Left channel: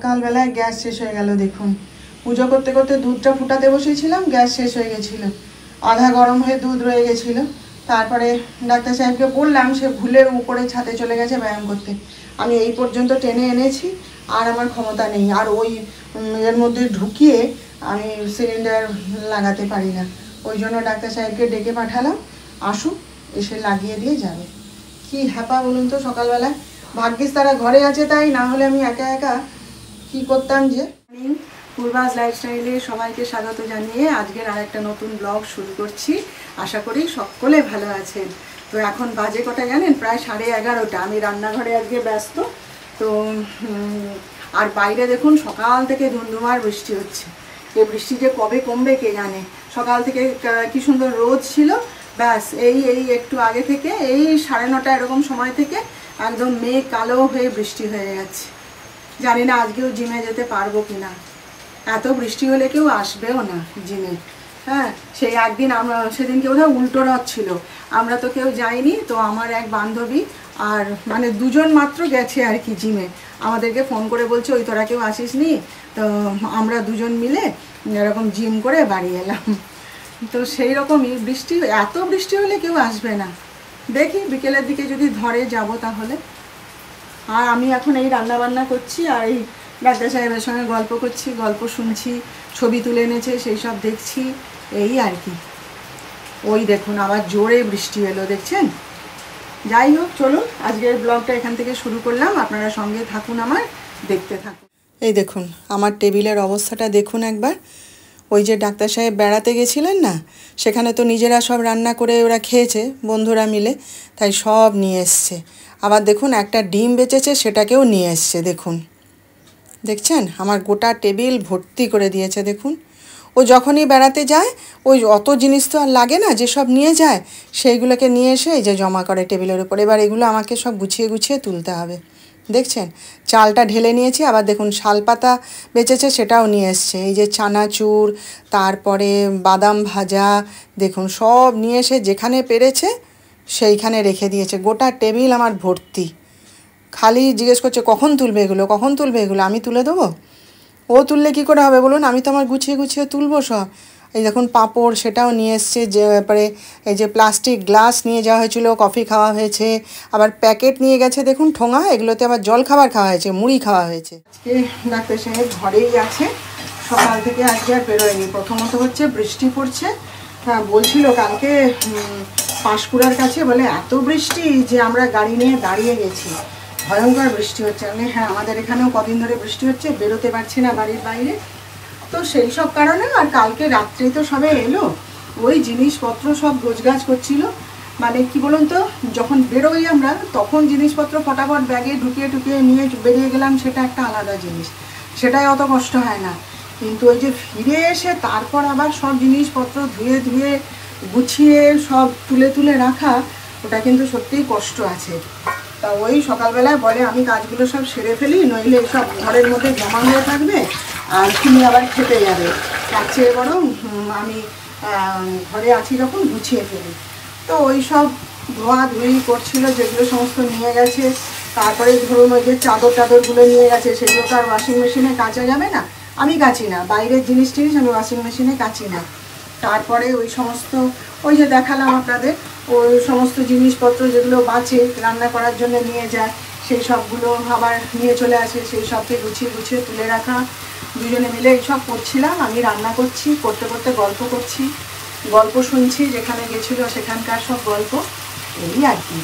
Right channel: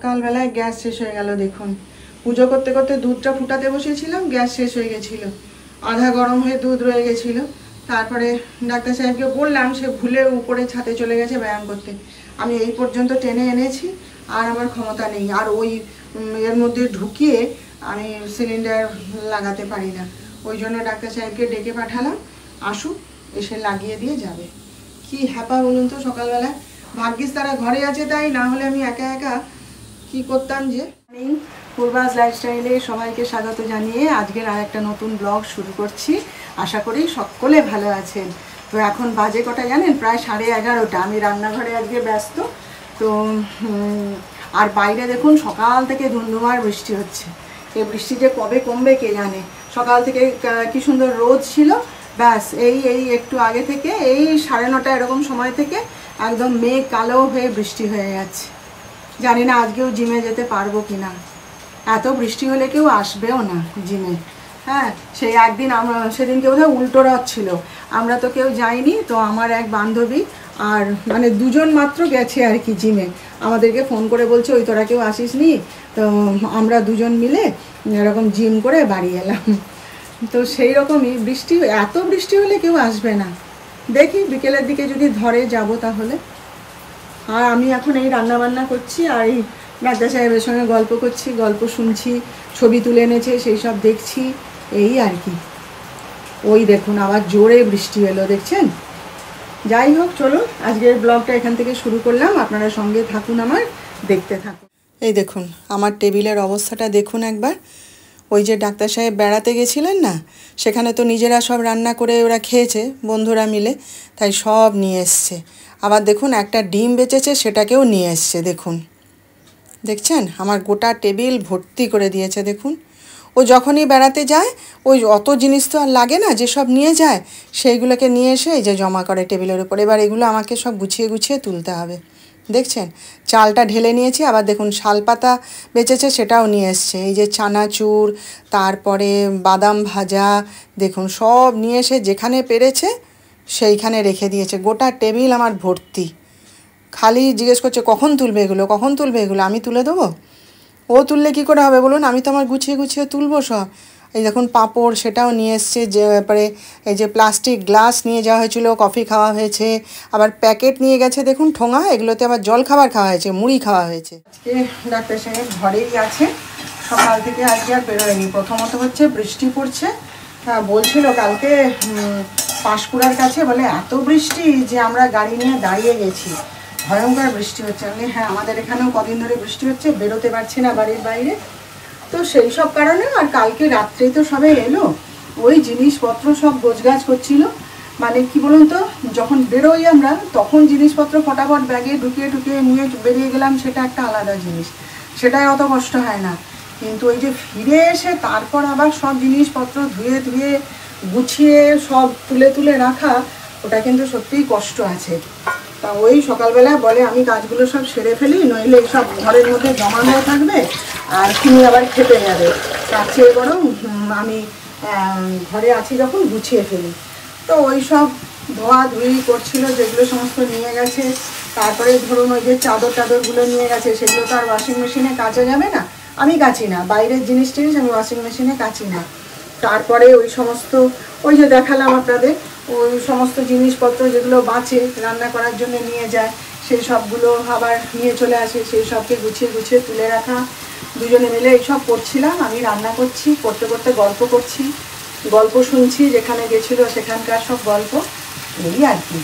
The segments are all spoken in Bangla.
সকালবেলায় গ্যাস শেষ হয়ে গেল। দেখুন পুজো করতে করতে দুধটা ফুটাতে বসিয়েছিলাম, গ্যাস শেষ হয়ে গেছিল, আধা গরম হয়ে দুধ রয়ে গেছিল। তারপরে ডাক্তার সাহেবকে বললাম, সে ভুলে উপরে ছাদে চলে গেছে ব্যায়াম করতে। আমি এই পর্যন্ত টেনে এনেছি, আর আমার ক্ষমতা নেই, আর ওই এর মধ্যে ঢুকিয়ে আমি সিলিন্ডার লাগাতে পারি না। ওই জন্য ডাক্তার সাহেবকে ডেকে পাঠালাম, আসুক, এসে লাগিয়ে দিয়ে যাবে। কি হ্যাপা বলুন তো সকালবেলায়। ভাগ্যিস তারা ঘরে আছে, তাই না হলে আমি একা একা কি করতাম যে। পূর্বাস লাইফস্টাইলে সবাইকে স্বাগত জানিয়ে আজকের আর একটা নতুন ব্লগ শুরু করছি। আশা করি সকলে ভালো আছেন। তো এখন বাজে কটা জানেন? প্রায় 11:30। আমি রান্নাঘরে আজকে ব্যস্ত। তো আর বাইরে দেখুন সকাল থেকে ধুমধুমার বৃষ্টি হচ্ছে। এই বৃষ্টি যে কবে কমবে কে জানে। সকাল থেকে কি সুন্দর রোদ ছিল, ব্যাস এই একটু আগে থেকে এই 9:30 এরকম সময় থেকে একদম মেঘ কালো হয়ে বৃষ্টি হয়ে যাচ্ছে। জানি না আজকেও জিমে যেতে পারবো কিনা। এত বৃষ্টি হলে কেউ আসবেও না জিমে। হ্যাঁ, সেই একদিন আমরা সেদিনকে বোধহয় উল্টো রথ ছিল, আমরা তো কেউ যাইনি। তো আমার এক বান্ধবী আর মানে দুজন মাত্র গেছে আর কি জিমে। আমাদেরকে ফোন করে বলছে, ওই তোরা কেউ আসিস নি? তো আমরা দুজন মিলে এরকম জিম করে বাড়ি এলাম। তো সেই রকমই বৃষ্টি, এত বৃষ্টি হলে কেউ আসবে না। দেখি বিকেলের দিকে যদি ধরে যাব তাহলে। আর আমি এখন এই রান্না বান্না করছি, আর এই ডাক্তার সাহেবের সঙ্গে গল্প করছি, গল্প শুনছি, ছবি তুলে এনেছে সেই সব দেখছি, এই আর কি। ওই দেখুন আবার জোরে বৃষ্টি এলো, দেখছেন? যাই হোক, চলুন আজকের ব্লগটা এখান থেকে শুরু করলাম। আপনারা সঙ্গে থাকুন, আমার দেখতে থাকুন। এই দেখুন আমার টেবিলের অবস্থাটা দেখুন একবার। ওই যে ডাক্তার সাহেব বেড়াতে গেছিলেন না, সেখানে তো নিজেরা সব রান্না করে ওরা খেয়েছে বন্ধুরা মিলে, তাই সব নিয়ে এসছে। আবার দেখুন একটা ডিম বেঁচেছে, সেটাকেও নিয়ে এসছে। দেখুন, দেখছেন আমার গোটা টেবিল ভর্তি করে দিয়েছে। দেখুন ও যখনই বেড়াতে যায় ওই অত জিনিস তো আর লাগে না, যেসব নিয়ে যায় সেইগুলোকে নিয়ে এসে এই যে জমা করে টেবিলের উপর। এবার এগুলো আমাকে সব গুছিয়ে গুছিয়ে তুলতে হবে। দেখছেন চালটা ঢেলে নিয়েছি, আবার দেখুন শালপাতা বেঁচেছে, সেটাও নিয়ে এসছে। এই যে চানাচুর, তারপরে বাদাম ভাজা, দেখুন সব নিয়ে এসে যেখানে পেরেছে সেইখানে রেখে দিয়েছে। গোটা টেবিল আমার ভর্তি। খালি জিজ্ঞেস করছে কখন তুলবে এগুলো, কখন তুলবে এগুলো। আমি তুলে দেবো? ও তুললে কী করে হবে বলুন? আমি তো আমার গুছিয়ে গুছিয়ে তুলবো সব। এই দেখুন পাঁপড়, সেটাও নিয়ে এসছে। যে ব্যাপারে এই যে প্লাস্টিক গ্লাস নিয়ে যাওয়া হয়েছিল, কফি খাওয়া হয়েছে। আবার প্যাকেট নিয়ে গেছে দেখুন ঠোঙা, এগুলোতে আবার জল খাবার খাওয়া হয়েছে, মুড়ি খাওয়া হয়েছে। আজকে ডাক্তার সাহেব ঘরেই আছে, সকাল থেকে আজকে আর বেরোয়নি। প্রথমত হচ্ছে বৃষ্টি পড়ছে। হ্যাঁ, বলছিল কালকে পাঁশকুড়ার কাছে বলে এত বৃষ্টি যে আমরা গাড়ি নিয়ে দাঁড়িয়ে গেছি, ভয়ঙ্কর বৃষ্টি হচ্ছে। মানে হ্যাঁ, আমাদের এখানেও কদিন ধরে বৃষ্টি হচ্ছে, বেরোতে পারছি না বাড়ির বাইরে। তো সেই সব কারণে আর কালকে রাত্রেই তো সবে এলো, ওই জিনিসপত্র সব গোছগাছ করছিল। মানে কি বলুন তো, যখন বেরোই আমরা তখন জিনিসপত্র ফটাফট ব্যাগে ঢুকিয়ে ঢুকিয়ে নিয়ে বেরিয়ে গেলাম, সেটা একটা আলাদা জিনিস, সেটাই অত কষ্ট হয় না। কিন্তু ওই যে ফিরে এসে তারপর আবার সব জিনিসপত্র ধুয়ে ধুয়ে গুছিয়ে সব তুলে তুলে রাখা, ওটা কিন্তু সত্যিই কষ্ট আছে। তা ওই সকালবেলায় বলে আমি কাজগুলো সব সেরে ফেলি, নইলে সব ঘরের মধ্যে জমা হয়ে থাকবে আর তুমি আবার খেতে যাবে। তার চেয়ে বরং আমি ঘরে আছি যখন গুছিয়ে ফেলি। তো ওই সব ধোয়া ধুই করছিল, যেগুলো সমস্ত নিয়ে গেছে। তারপরে ধরুন ওই যে চাদর টাদরগুলো নিয়ে গেছে, সেগুলো তো আর ওয়াশিং মেশিনে কাচা যাবে না, আমি কাচি না। বাইরের জিনিস টিনিস আমি ওয়াশিং মেশিনে কাচি না। তারপরে ওই সমস্ত ওই যে দেখালাম আপনাদের, ওই সমস্ত জিনিসপত্র যেগুলো বাঁচে রান্না করার জন্য নিয়ে যায়, সেই সবগুলো আবার নিয়ে চলে আসে, সেই সবকে গুছিয়ে গুছিয়ে তুলে রাখা। দুজনে মিলে এইসব করছিলাম। আমি রান্না করছি, করতে করতে গল্প করছি, গল্প শুনছি, যেখানে গেছিলো সেখানকার সব গল্প, এই আর কি।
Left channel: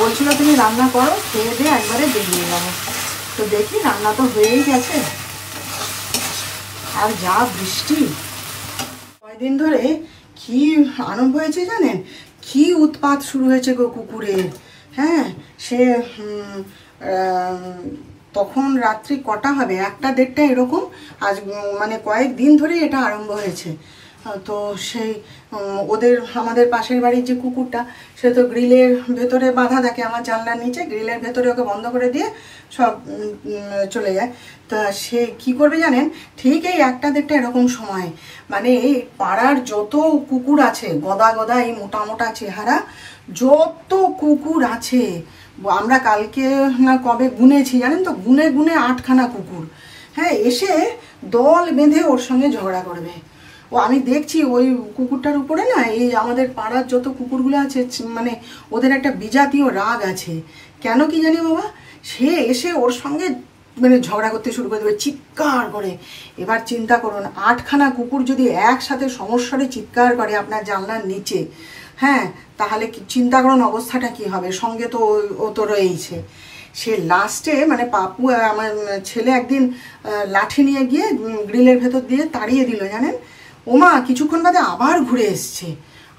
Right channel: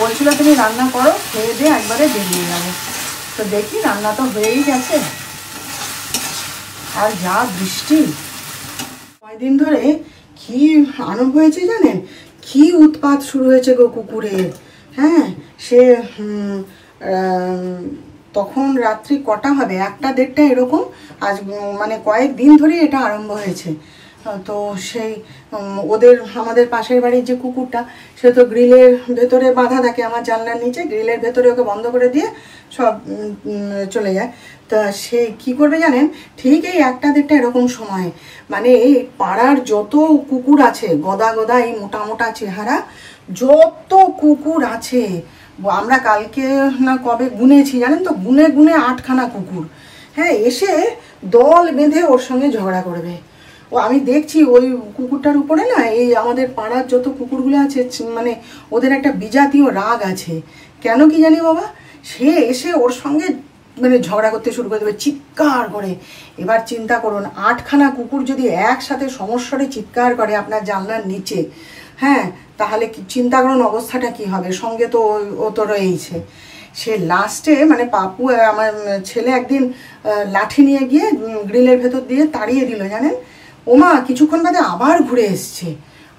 বলছিল তুমি রান্না করো, খেয়ে দিয়ে একবারে বেরিয়ে যাবো। তো দেখি রান্না তো হয়েই গেছে। আর যা বৃষ্টি, কয়দিন ধরে কি আরম্ভ হয়েছে জানেন? কি উৎপাত শুরু হয়েছে গো কুকুরের। হ্যাঁ, সে তখন রাত্রি কটা হবে, 1টা-1:30 এরকম। আজ মানে কয়েকদিন ধরে এটা আরম্ভ হয়েছে। তো সেই ওদের আমাদের পাশের বাড়ির যে কুকুরটা, সে তো গ্রিলের ভেতরে বাঁধা থাকে, আমার জানলার নিচে গ্রিলের ভেতরে ওকে বন্ধ করে দিয়ে সব চলে যায়। তা সে কি করবে জানেন? ঠিক এই 1টা-1:30 এরকম সময়, মানে এই পাড়ার যত কুকুর আছে, গদা গদা এই মোটা মোটা চেহারা যত কুকুর আছে, আমরা কালকে না কবে গুনেছি জানেন তো, গুনে গুনে 8খানা কুকুর, হ্যাঁ, এসে দল বেঁধে ওর সঙ্গে ঝগড়া করবে। ও আমি দেখছি ওই কুকুরটার উপরে না, এই আমাদের পাড়ার যত কুকুরগুলো আছে মানে ওদের একটা বিজাতীয় রাগ আছে, কেন কি জানি বাবা। সে এসে ওর সঙ্গে মানে ঝগড়া করতে শুরু করে দেবে চিৎকার করে। এবার চিন্তা করুন 8খানা কুকুর যদি একসাথে সমস্বরে চিৎকার করে আপনার জানলার নিচে, হ্যাঁ, তাহলে চিন্তা করুন অবস্থাটা কি হবে। সঙ্গে তো ও তো রয়েইছে। সে লাস্টে মানে পাপু আমার ছেলে একদিন লাঠি নিয়ে গিয়ে গ্রিলের ভেতর দিয়ে তাড়িয়ে দিল জানেন। ওমা কিছুক্ষণ বাদে আবার ঘুরে এসছে।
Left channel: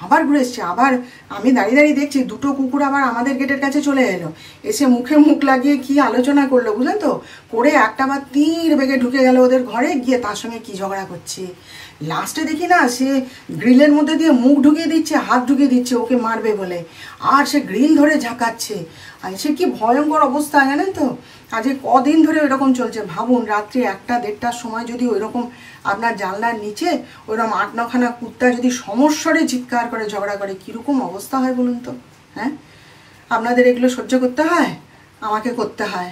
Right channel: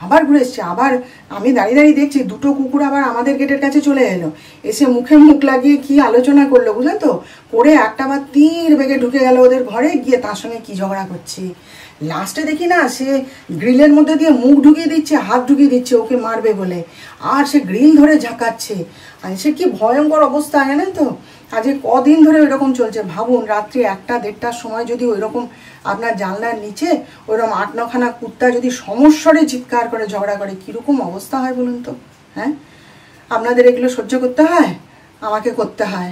আবার আমি দাঁড়িয়ে দাঁড়িয়ে দেখছি দুটো কুকুর আবার আমাদের গেটের কাছে চলে এলো, এসে মুখে মুখ লাগিয়ে কি আলোচনা করলো বুঝলেন তো, করে একটা বার তীর বেগে ঢুকে গেল ওদের ঘরে, গিয়ে তার সঙ্গে কি ঝগড়া করছে। লাস্টে দেখি না সে গ্রিলের মধ্যে দিয়ে মুখ ঢুকিয়ে দিচ্ছে, হাত ঢুকিয়ে দিচ্ছে ওকে মারবে বলে, আর সে গ্রিল ধরে ঝাঁকাচ্ছে। আর সে কি ভয়ঙ্কর অবস্থা জানেন তো। আজকে কদিন ধরে ওইরকম চলছে। ভাবুন রাত্রি 1টা-1:30টার সময় যদি ওইরকম আপনার জানলার নিচে ওইরকম 8-9খানা কুত্তা যদি সমস্বরে চিৎকার করে ঝগড়া করে, কীরকম অবস্থা হয় বলুন তো। হ্যাঁ, আপনাদের এগুলো সহ্য করতে হয়, আমাকে করতে হয়।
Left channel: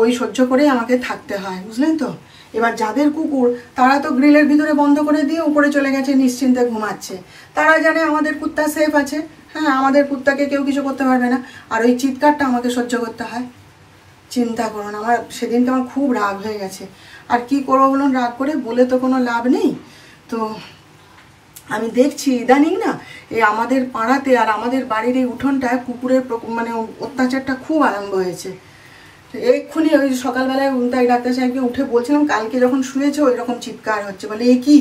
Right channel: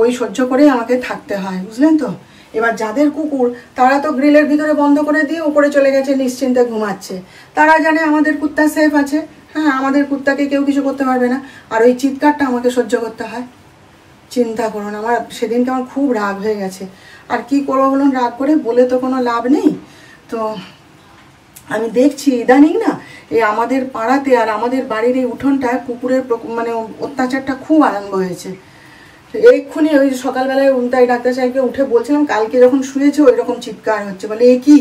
ওই সহ্য করেই আমাকে থাকতে হয়, বুঝলেন তো। এবার যাদের কুকুর তারা তো গ্রিলের ভিতরে বন্ধ করে দিয়ে উপরে চলে গেছে, নিশ্চিন্তে ঘুমাচ্ছে। তারা জানে আমাদের কুত্তা সেফ আছে, হ্যাঁ, আমাদের কুত্তাকে কেউ কিছু করতে পারবে না, আর ওই চিৎকারটা আমাকে সহ্য করতে হয়। চিন্তা করুন, আমার সেদিনকে আমার খুব রাগ হয়ে গেছে। আর কি করবো বলুন, রাগ করে বলে তো কোনো লাভ নেই। তো আমি দেখছি ইদানিং না এই আমাদের পাড়াতে আর আমাদের বাড়ির এই উঠোনটায় কুকুরের মানে অত্যাচারটা খুব আরম্ভ হয়েছে। এক্ষুনি ওই সকালবেলায় তাই ডাক্তার সাহেবকে উঠে বলছিলাম, কালকে যখন শুয়েছে ওই রকম চিৎকার হচ্ছে। বলে এ কি?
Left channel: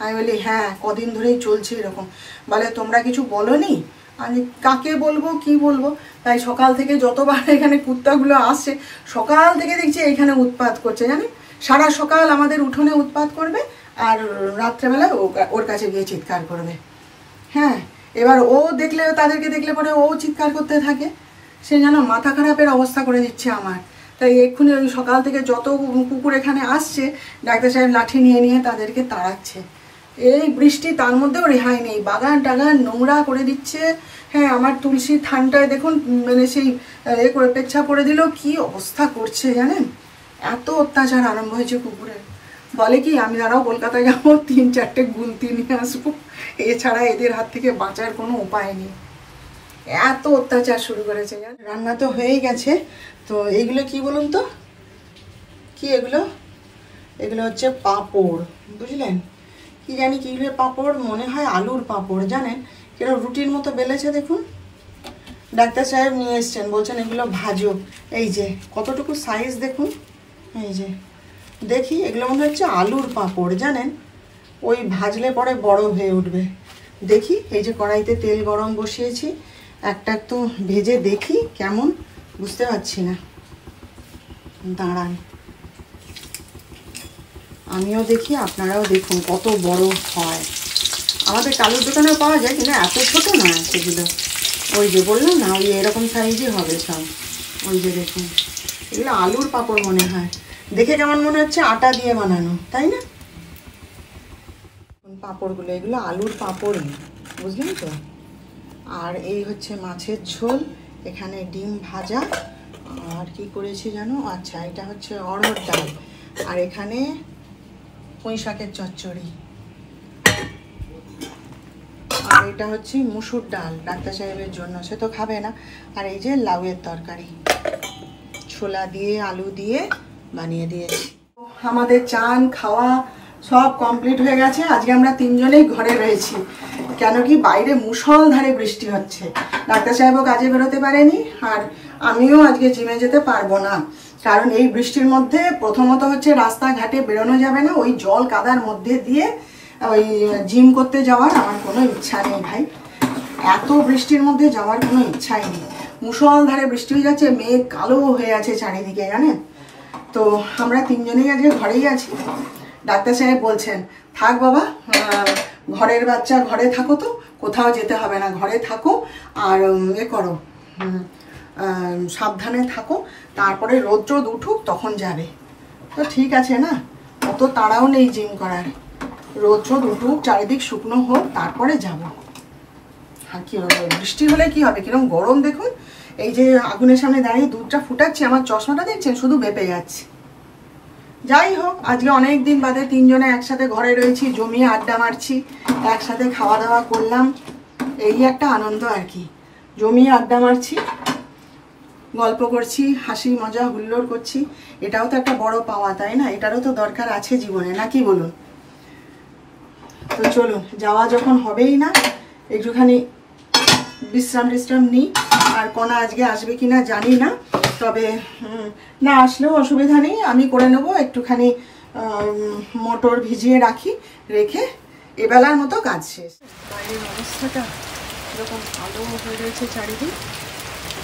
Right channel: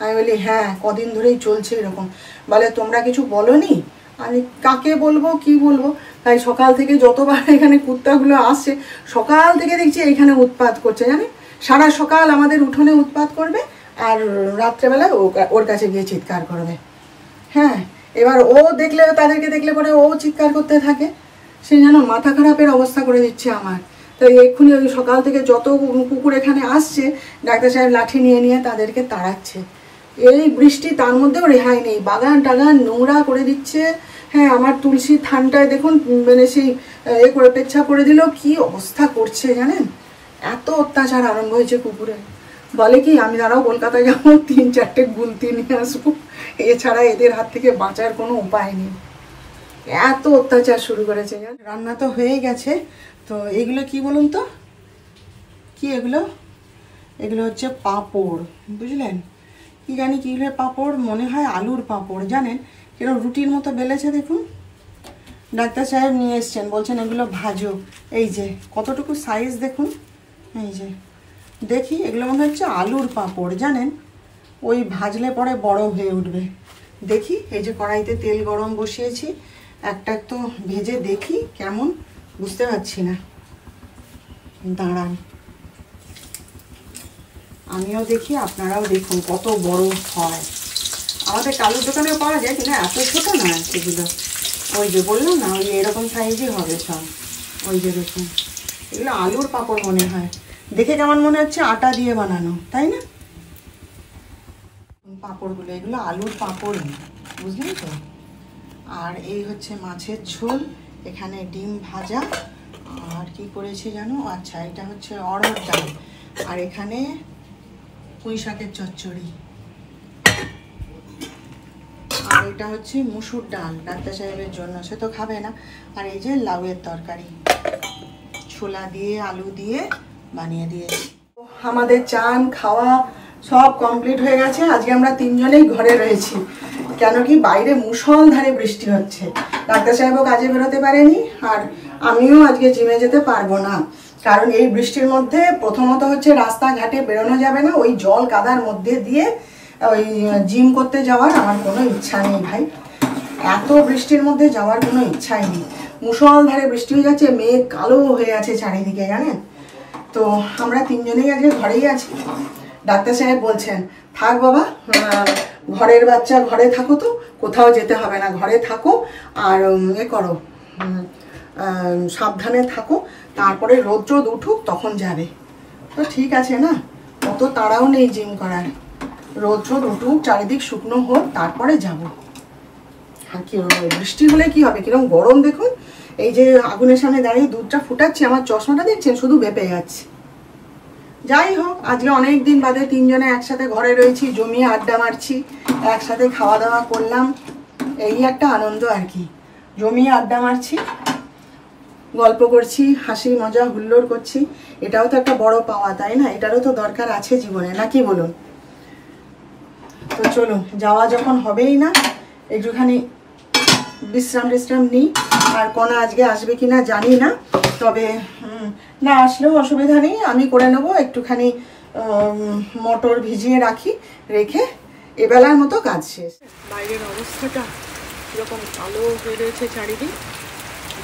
আমি বলি হ্যাঁ কদিন ধরেই চলছে এরকম। বলে তোমরা কিছু বলোনি? আমি কাকে বলবো কি বলবো। তাই সকাল থেকে যতবার এখানে কুত্তাগুলো আসছে, সকাল থেকে দেখছি এখানে উৎপাত করছে জানেন। সারা সকাল আমাদের উঠোনে উৎপাত করবে, আর রাত্রেবেলায় ওর কাছে গিয়ে চিৎকার করবে। হ্যাঁ, এবার ও দেখলে, তাদেরকে দেখলে পরে ও চিৎকার করতে থাকে। সেই জন্য মাথা খারাপের অবস্থা করে দিচ্ছে আমার। তাই এক্ষুনি ওই সকাল থেকে যত কুকুর এখানে আসছে, ডাক্তার সাহেব লাঠি নিয়ে নিয়ে তাদেরকে তাড়াচ্ছে। এই বৃষ্টি তার মধ্যেও রেহাই নেই, বাগান টাগান নোংরা করে দিচ্ছে। হ্যাঁ, আমার তুলসীর থানটায় দেখুন মানে সেই করে পেচ্ছা করে দিল, কি অবস্থা করছে জানেন। এত অত্যাচার আরম্ভ হয়েছে কুকুরের। বলে কি আমি দাঁড়াও কলকাতায় যাবো, 3-4টে গুলতি নিয়ে আসবো, এছাড়া এদের হাত থেকে বাঁচার কোনো উপায় নেই। এত অত্যাচার শুরু করেছে। রান্না তো হয়েই গেছে। তো এগুলো কি বলুন তো, কি এগুলো? এগুলো হচ্ছে পাঁপড়, বুঝলেন। কি জানি কি পাঁপড়, মনে হয় আলুর পাঁপড় জানেন। কেন রুটির মতো বেলেছে দেখুন। ডাক্তার সাহেব নিয়ে এসছেন, বলছেন এগুলো ভাজো। এই যে কতটুকু সাইজ দেখুন, এই যে দেখি, এগুলো মনে হচ্ছে আলুর পাঁপড় জানেন। ওই ভাজলে পরে বড় হয়ে উঠবে। দেখি, এই যে কড়াইতে তেল গরম বসিয়েছি, একটা একটু ভেজে দেখি কেমন, বুঝতে পারছি না। দাঁড়ান আমিও দেখি, আপনারাও দেখুন কত বড় হয়। আমাদের কালুর দোকানেও পাওয়া যায়, কিন্তু এত ছোট না সেগুলো। ওই যে বললাম না, ওই এরকম সাইজই হবে সব। ওই যে দেখুন, এগুলো আলুর পাঁপড় মনে হয়। দেখে কেমন মনে হচ্ছে আটা দিয়ে বানানো, তাই না? পাঁপড়গুলো এগুলো আলুর পাঁপড়, বুঝলেন তো। আর এই হচ্ছে মাছের ঝোল, এখানে ডিম ভাজা, আর কি করেছি জানো, আচ্ছা এটা হচ্ছে অড়হর ডাল, আর এখানে পুঁই শাকের চচ্চড়ি, আর এটা হচ্ছে মুসুর ডাল ডাক্তার সাহেবের জন্য, সে তো খাবে না। আর এই যে লাউয়ের তরকারি, ছোলা দিয়ে আলু দিয়ে বানিয়ে দিয়েছি। আমাদের চান খাওয়া সব কমপ্লিট হয়ে গেছে। আজকে আমরা 3জনেই ঘরে রয়েছি, কেন কি বাইরে মুষলধারে বৃষ্টি হচ্ছে। ডাক্তার সাহেবও কাজে বেরোতে পারেনি, আর আমিও আজকে জিমে যেতে পারবো না, কারণ এই বৃষ্টির মধ্যে প্রথমত হচ্ছে রাস্তাঘাটে বেরোনো যাবে না, ওই জল কাদার মধ্যে দিয়ে ওই জিম করতে যাওয়ার আমার কোনো ইচ্ছা নেই ভাই। এত বৃষ্টির মধ্যে যাওয়ার কোনো ইচ্ছাই নেই। মুষলধারে বৃষ্টি হয়ে যাচ্ছে, মেঘ কালো হয়ে আছে চারিদিকে জানেন। তো আমরা 3জনেই আজকে ঘরেই আছি। ডাক্তার সাহেব বলছেন থাক বাবা, ঘরের বাচ্চা ঘরে থাকো, তো কোথাও যেতে হবে না, ঘরে থাকো আর করো, সাবধানে থাকো, তারপরে রোদ উঠুক তখন যাবে। তো ঠিক আছে না, অত তাড়াও নেই জিম করার, রোদ উঠুক, চারিদিক শুকনো হোক, তারপরে যাব। আর কি বৃষ্টি হলে কি হবে, কিরকম গরম দেখুন। এই যে আগুনের সামনে দাঁড়িয়ে দুধটা ফুটাচ্ছি, আমার চশমাটা দেখছেন শুধু বেঁপে যাচ্ছে। যাই হোক, আজকে অনেক দিন বাদে তিনজনে একসাথে ঘরে রয়েছি, জমিয়ে আড্ডা মারছি, একসাথে খাওয়া দাওয়া করলাম, এই একটা আনন্দ আর কি। জমিয়ে আড্ডা মারছি, গল্প করছি, হাসি মজা হুল্লোড় করছি, এটাও তো একটা বড় পাওয়া, তাই না? এটারও তো দরকার আছে জীবনে, নাকি বলুন? তো চলুন, যাওয়া যখন হবেই না, একটুখানি বিশ্রাম টিশ্রাম নিই। আর কণা আজকে আসবে কিনা জানি না, তবে না আসলেও অসুবিধা নেই, আমি করে নেবো। একটুখানি মটর ভিজিয়ে রাখি, রেখে এবেলার মতো কাজ শেষ। বাইরের অবস্থাটা এরকম আলো হয়ে রয়েছে চারিদিক,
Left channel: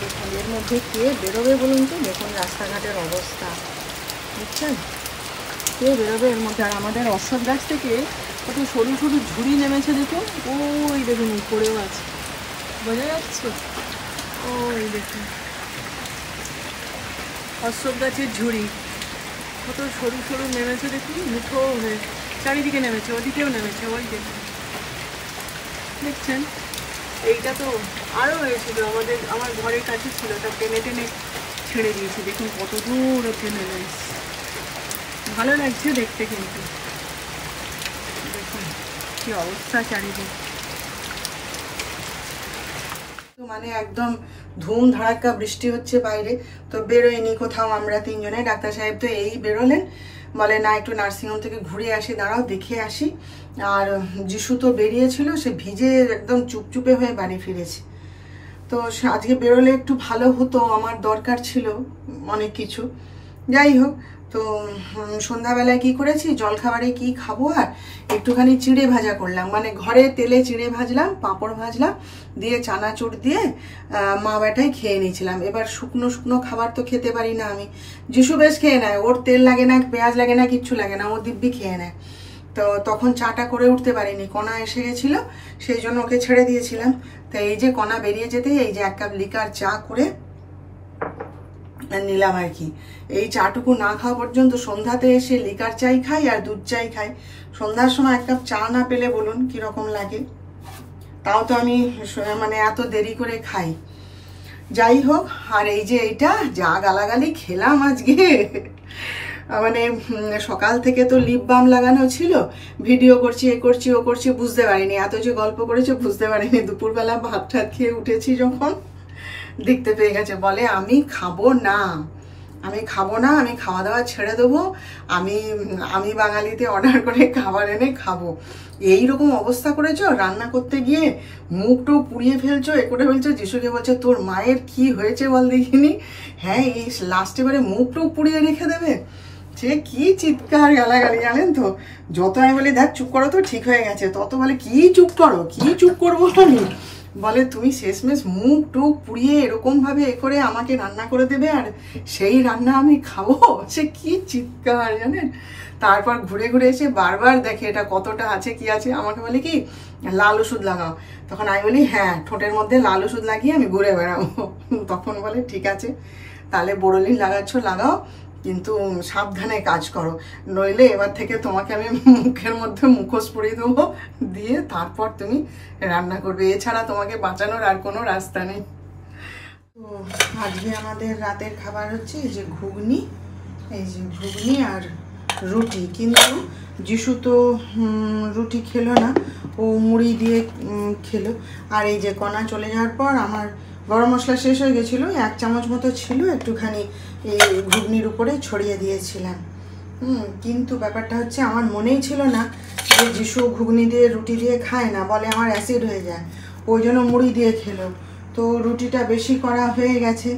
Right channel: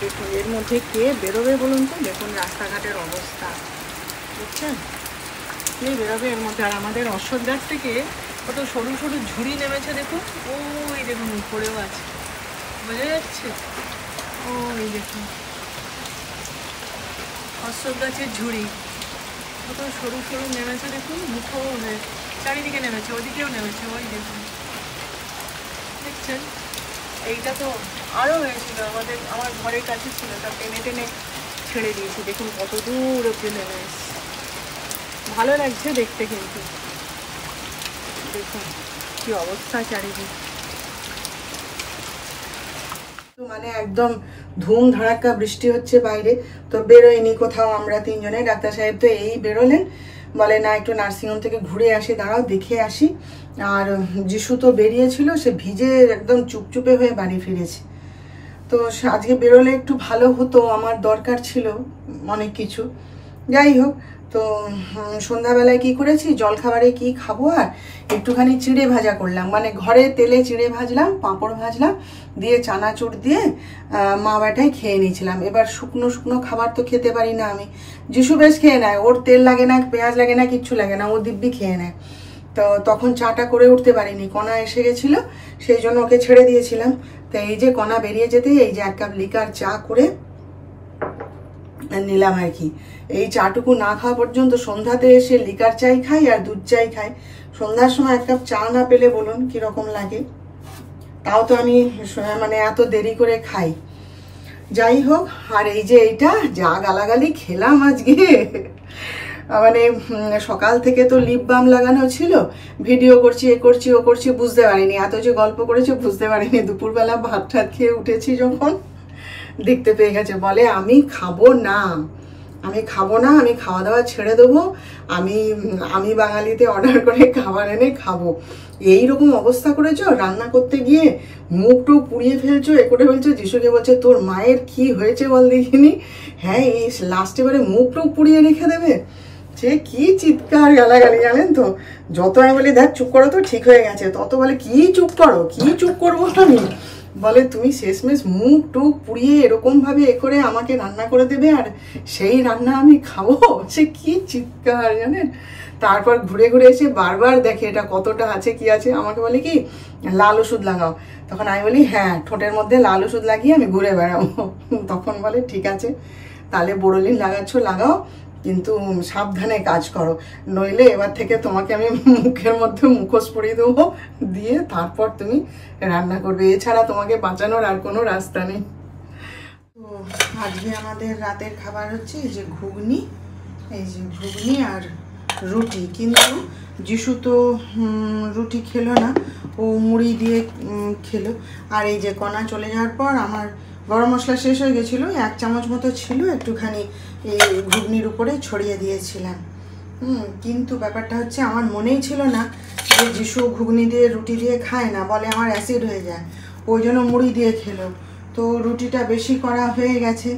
দেখুন এর মধ্যে কে বেরোবে বলুন তো? দেখুন রাস্তাঘাটের অবস্থা, বুঝছেন? কে বেরোবে এর মধ্যে? আর আমাদের অশ্বত্থ গাছ থেকে কত সরু সরু ঝুড়ি নেমেছে দেখুন, ওই দেখুন উপরেও আছে, বোঝা যাচ্ছে? ওই দেখুন অশ্বত্থ গাছের ঝুড়ি কত সরু সরু নেমেছে দেখুন, মুখো হয়ে চারিদিকে নেমেছে, ওদিকেও নেমেছে, ওই দেখুন, দেখছেন? এইটা তো আরও হয়েছিল, আমার ঘরের কাছে ছিল, তা টেনে টেনে ছেড়ে দিয়েছি, দেখুন কত দূর ওকে নেমে এসছে। ভালো লাগছে দেখতে, কিন্তু দেখুন কি অবস্থা চারিদিকে, মানে একদম ধুম ধাড়াক্কা বৃষ্টি হচ্ছে বাইরে। তো বেরোয়নি কোথাও আমরা তিনজনে, ডাক্তার সাহেব তো এই বেরোলেন, বলে না একটু নার্সিংহোম থেকে ঘুরে আসি, দাঁড়াও দেখে আসি। আর যিশু তো বেরিয়েছিল, সে ভিজে একদম চুপচুপে হয়ে বাড়ি ফিরেছে। তো আজকে বেরোলে একটু ভালো হতো, আমার দরকার ছিল অনেক কিছু। যাই হোক, তো সন্ধ্যাবেলায় কি করেছি, জলখাবারে কি খাবো, আর একটুখানি চিড়ে ভাজা করলাম, মানে ঘরে তেলে চিড়ে ভাজলাম, পাঁপড় ভাজলাম, দিয়ে চানাচুর দিয়ে মা বেটাই খেয়ে নিয়েছিলাম। এবার শুকনো শুকনো খাবার তো খেতে পারি না আমি, যিশু বেশ খেয়ে নেয়, ওর তেল লাগে না, পেঁয়াজ লাগে না, কিচ্ছু লাগে না, ও দিব্যি খেয়ে নেয়। তো তখন চাটা করে উঠতে পারিনি, কণা এসে গেছিল, সেই জন্য ওকে ছেড়ে দিয়েছিলাম। তো এই যে কণা বেরিয়ে যেতেই এই যে 1 কাপ লিকার চা করে নিলাম আর কি। এই চাটুকু না খাওয়া পর্যন্ত সন্ধ্যাতে এসে লিকার চাই খাই আর দুধ চাই খাই। সন্ধ্যার সময় 1 কাপ চা না পেলে বলুন কিরকম লাগে? তাও তো আমি মানে এত দেরি করে খাই। যাই হোক, আর এই যে এইটা যা গালাগালি খেলাম আজকে, মানে সকাল থেকে তো লিপ বাম লাগানো ছিল, ভিডিও করছি, এ করছি, ও করছি, বুঝতে পারিনি, এত যে গল্প করেছি বুঝতে পারিনি। দুপুরবেলা ভাত ঠাত খেয়ে উঠেছি যখন, দেখতে পেয়ে গেছে, বলে আমি খাবো না, আমি খাবো না, আমি খাওয়া দাওয়া ছেড়ে দেবো, আমি বাঙালিতে অর্ডার করে খাবার এনে খাবো। এইরকম অবস্থা করেছো, রান্না করতে গিয়ে মুখটু পুড়িয়ে ফেলছো, এ করে ফেলছো। যিশুকে বলছে তোর মায়ের কি হয়েছে বল দেখিনি? হ্যাঁ, এই লাস্টে বারে মুখটু পুড়িয়ে রেখে দেবে। সে কি চিৎকার গালাগালি জানেন তো। যত আমি বলি দেখ চুপ করো তো, ঠিক হয়ে গেছে, তত বলে কি চুপ করো, কি চুপ করবো আমি? বলে তুমি শেষমেশ মুখ টুক পুড়িয়ে এরকম ভাবে এ করে আমাকে রান্না করে দেবে, আর সেই রান্না আমি খাবো? সে কি চিৎকার জানেন। তারপর ঘুরে ঘুরে এসে বারবার দেখে এটা কতটা আছে কি আছে, আমাকে বলে কি লাল ওষুধ লাগাও। তখন আমি বলি হ্যাঁ, ঠোঁটের মধ্যে লাল ওষুধ লাগিয়ে আমি ঘুরে বেড়াবো। তখন বলে ঠিক আছে, তাহলে বোরোলিন লাগাচ্ছ লাগাও, কিন্তু সাবধানে কাজ করো, নইলে এবার থেকে তোমাকে আমি মুখের মধ্যে মুখোশ পরিয়ে দেবো, দিয়ে তারপর তুমি রান্না করবে, এছাড়া তোমাকে বাঁচানোর আর কোনো রাস্তা নেই। তো আজকে আমাদের রাতের খাবার হচ্ছে এই যে ঘুগনি, এই যে ঘুগনি আর রুটি। কিন্তু যিশু তো রুটি খেলো না, ও মুড়ি দিয়ে খেলো। আর এই যে কণা চলে যাওয়ার পর আমার গরম মশলা শেষ হয়ে গেছিলো, 1 চামচ মতো ছিল, একটুখানি এই ঘুগনির উপরে ছড়িয়ে দিয়েছিলাম। কিন্তু ব্যাপারটা হচ্ছে আমার মনেই ছিল না যে যিশু ঘুগনি দিয়ে রুটি দিয়ে খায় না, বলে আমার অ্যাসিড হয়ে যায়, ওই জন্য মুড়ি দিয়ে খেলো। তো রুটিটা বেশি করা হয়ে গেছে,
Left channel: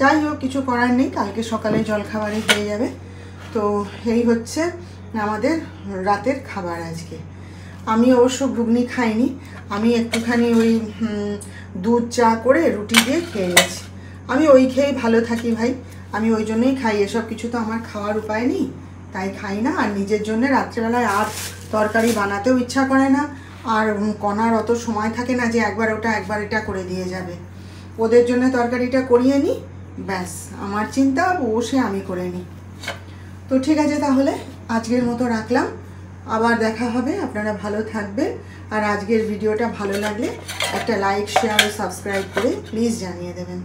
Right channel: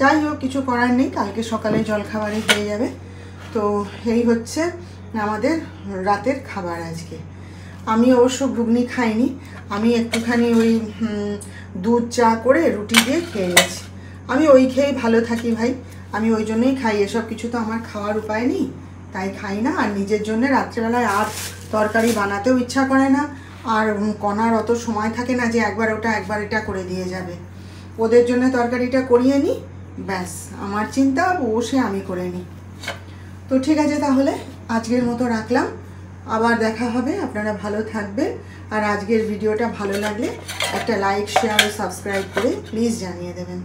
যাই হোক কিছু করার নেই, কালকে সকালে জলখাবারে হয়ে যাবে। তো এই হচ্ছে আমাদের রাতের খাবার আজকে। আমি অবশ্য ঘুগনি খাইনি, আমি একটুখানি ওই দুধ চা করে রুটি দিয়ে খেয়ে গেছি। আমি ওই খেয়েই ভালো থাকি ভাই, আমি ওই জন্যই খাই, এসব কিছু তো আমার খাওয়ার উপায় নেই, তাই খাই না। আর নিজের জন্য রাত্রেবেলায় আর তরকারি বানাতেও ইচ্ছা করে না, আর কণার অত সময় থাকে না যে একবার ওটা একবার এটা করে দিয়ে যাবে। ওদের জন্য তরকারিটা করিয়ে নিই, ব্যাস আমার চিন্তা বসে আমি করে নিই। তো ঠিক আছে, তাহলে আজকের মতো রাখলাম, আবার দেখা হবে, আপনারা ভালো থাকবেন। আর আজকের ভিডিওটা ভালো লাগলে একটা লাইক, শেয়ার ও সাবস্ক্রাইব করে প্লিজ জানিয়ে দেবেন।